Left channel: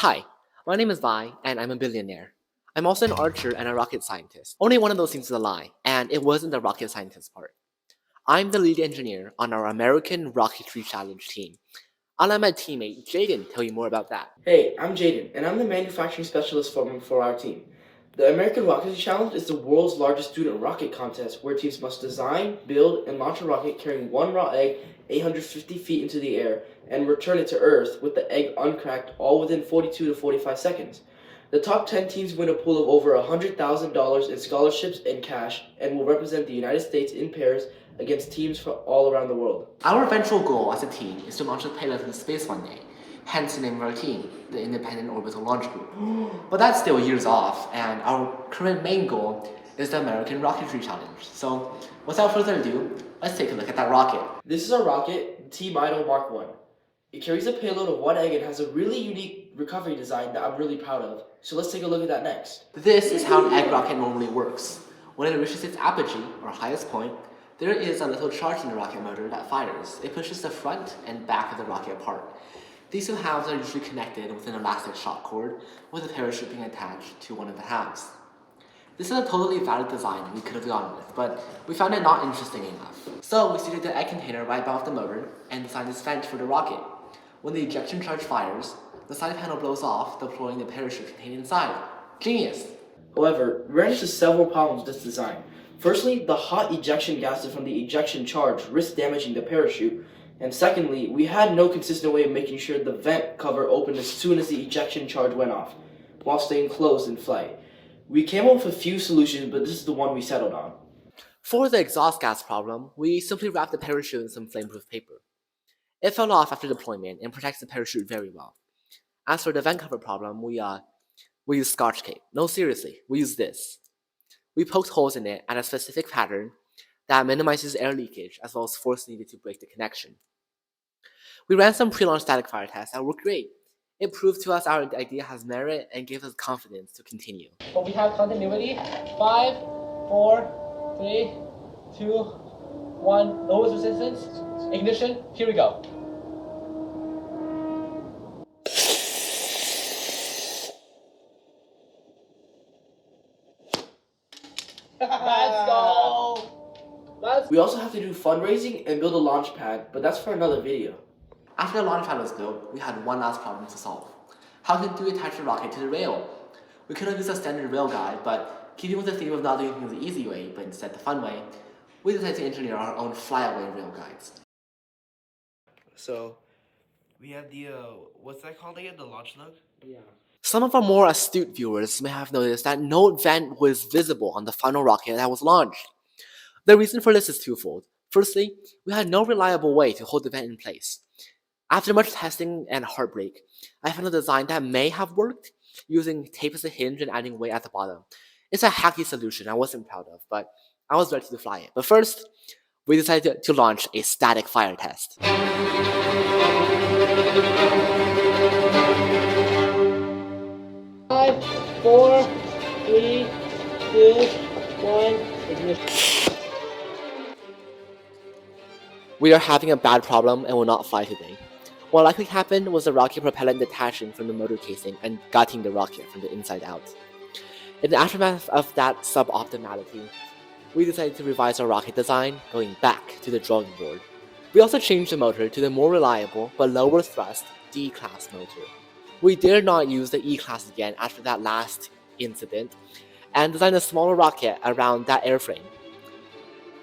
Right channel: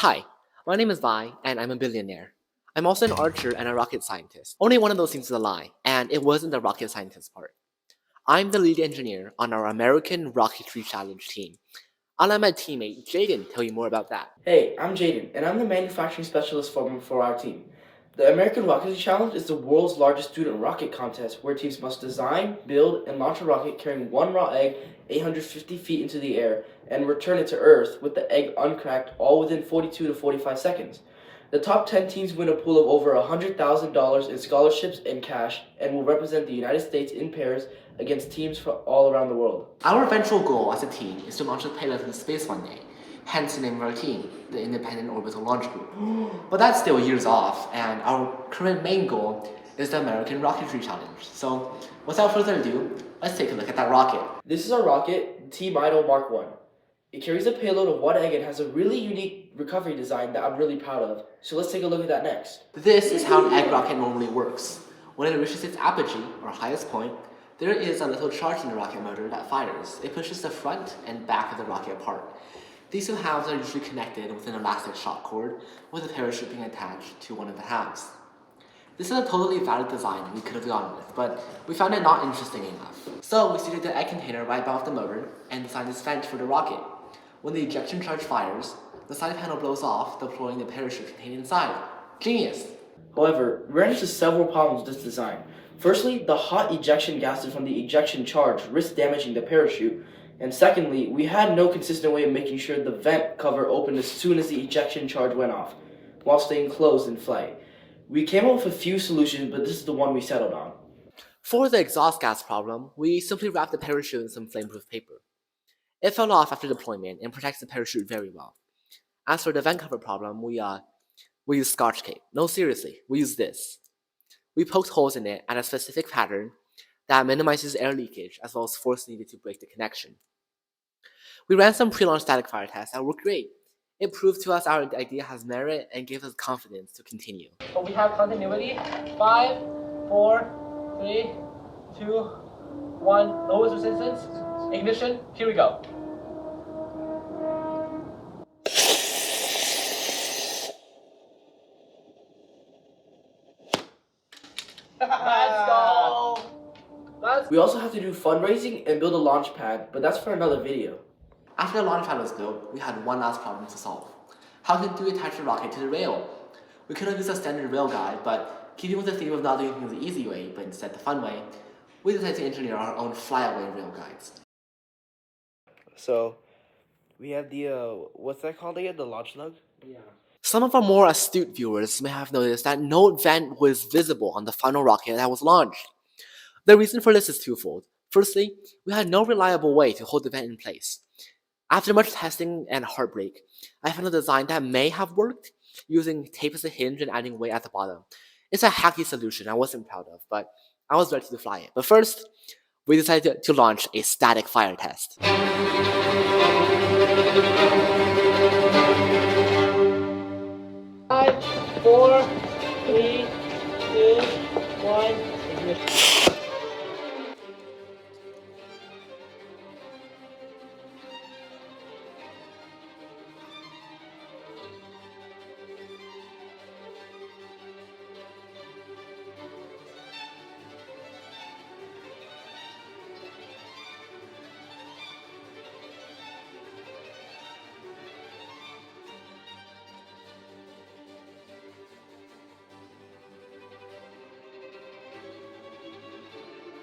Hi, my name is Vi, and I'm a billionaire. I'm also an archer and a rocket scientist. Only one of those things is a lie, and it wasn't the rocket scientist part. I'm the lead engineer on our American Rocketry Challenge team. I'll let my teammate Jaden tell you more about that. Hey, I'm Jaden, and I'm the manufacturing specialist for our team. The American Rocketry Challenge is the world's largest student rocket contest where teams must design, build, and launch a rocket carrying one raw egg 850 feet into the air and return it to Earth with the egg uncracked all within 42 to 45 seconds. The top 10 teams win a pool of over $100,000 in scholarships and cash and will represent the United States in pairs against teams from all around the world. Our eventual goal as a team is to launch a payload into space one day, hence the name of our team, the Independent Orbital Launch Group. But that's still years off, and our current main goal is the American Rocketry Challenge. So, without further ado, let's take a look at that rocket. This is our rocket, Team Idol Mark 1. It carries a payload of one egg and has a really unique recovery design that I'm really proud of. So let's take a look at that next. This is how an egg rocket normally works. When it reaches its apogee, or highest point, there is a little charge in the rocket motor that fires. It pushes the front and back of the rocket apart. These two halves are usually connected with an elastic shock cord, with a parachute being attached to one of the halves. This is a totally valid design we could have gone with, but we found it not interesting enough. So we seated the egg container right above the motor and designed this vent for the rocket. When the ejection charge fires, the side panel blows off, deploying the parachute contained inside. Genius! However, we ran into several problems with this design. Firstly, the hot ejection gases from the ejection charge risked damaging the parachute. And secondly, we had no consistent way of making sure the vent cover opened as soon as the ejection charge went off, while staying closed in flight. We came up with a few solutions, but this is the one we settled on. For the exhaust gas problem, we simply wrapped the parachute in some flameproof paper. It fell off after deployment and protects the parachute very well. As for the vent cover problem, we used Scotch tape. No, seriously, we used this. We poked holes in it at a specific pattern that minimizes air leakage as well as force needed to break the connection. We ran some pre-launch static fire tests that worked great. It proved to us our idea has merit and gave us confidence to continue. So we have continuity. 5, 4, 3, 2, 1. Lowest resistance. Ignition. Here we go. We also have to do fundraising and build a launch pad, but that's for another video. After the launch pad was built, we had one last problem to solve. How do we attach the rocket to the rail? We could have used a standard rail guide, but keeping with the theme of not doing things the easy way, but instead the fun way, we decided to engineer our own flyaway rail guides. So, we have the, what's that called again? The launch lug? Yeah. Some of our more astute viewers may have noticed that no vent was visible on the final rocket that was launched. The reason for this is twofold. Firstly, we had no reliable way to hold the vent in place. After much testing and heartbreak, I found a design that may have worked using tape as a hinge and adding weight at the bottom. It's a hacky solution I wasn't proud of, but I was ready to fly it. But first, we decided to launch a static fire test. 5, 4, 3, 2, 1. We are having a bad problem and will not fly today. What likely happened was the rocket propellant detaching from the motor casing and gutting the rocket from the inside out. In the aftermath of that suboptimality, we decided to revise our rocket design, going back to the drawing board. We also changed the motor to the more reliable but lower thrust D-class motor. We dare not use the E-class again after that last incident, and designed a smaller rocket around that airframe.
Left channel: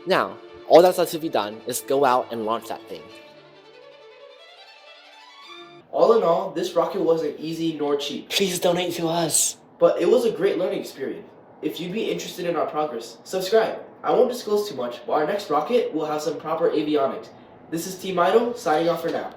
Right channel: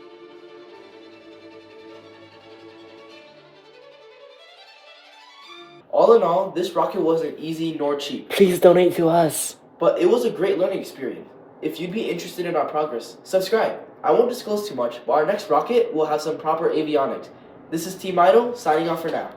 Now, all that's left to be done is go out and launch that thing. All in all, this rocket wasn't easy nor cheap, Please donate to us. but it was a great learning experience. If you'd be interested in our progress, subscribe. I won't disclose too much, but our next rocket will have some proper avionics. This is Team Idol, signing off for now.